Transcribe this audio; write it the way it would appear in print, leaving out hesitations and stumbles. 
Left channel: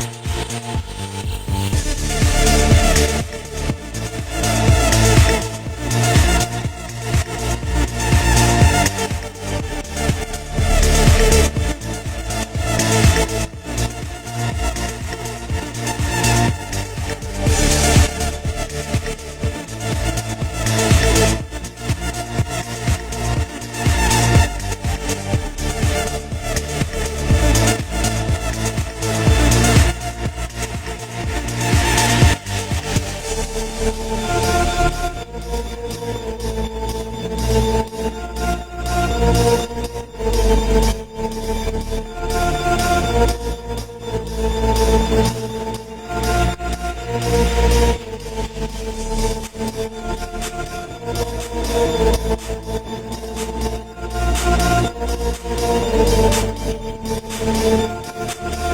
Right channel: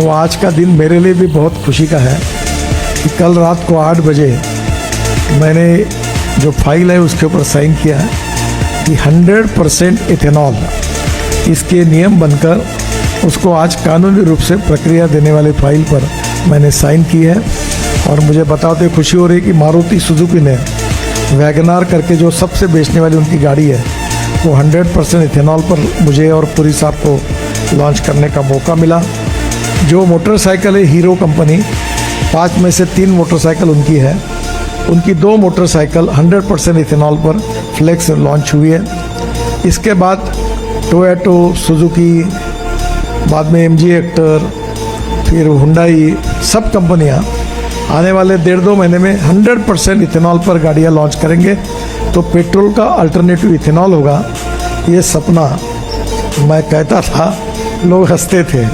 वो आज का दिन मेरे लिए भी बहुत खुशी का है कि कल रात को 8 बजे मैंने जो फाइल है उसके ऊपर साइन किया कि 100% इथेनॉल इसके नियम बनकर उसको आज कानूनी रूप से प्रक्रिया देने वाली फाइल पर मैंने साइन की है। और मुझे बताते खुशी हो रही कि मारुति सुजुकी ने वैगनार करके जो सबसे बेचने वाली उनकी गाड़ी है वो 100% इथेनॉल पर मुझे और पुरी साहब को लॉन्च करने का मौका मिला। जो मोटरसाइकिल है हीरो कंपनी 5 में से 3 मोटरसाइकिल उनकी है, उनकी 2 मोटरसाइकिल 100% इथेनॉल पर फ्लेक्स लॉन्च हुई है। इसके बाद टोयोटो, सुजुकी, बाद में MG हेक्टर, फिर हुंडई, सब कंपनियां आने वाले 1.5-2 महीने में 100% इथेनॉल पर गाड़ियां लॉन्च करेंगे। तो पेट्रोल का अल्टरनेटिव इथेनॉल होगा, ये सपना मैं कहता था, लोग हंसते थे।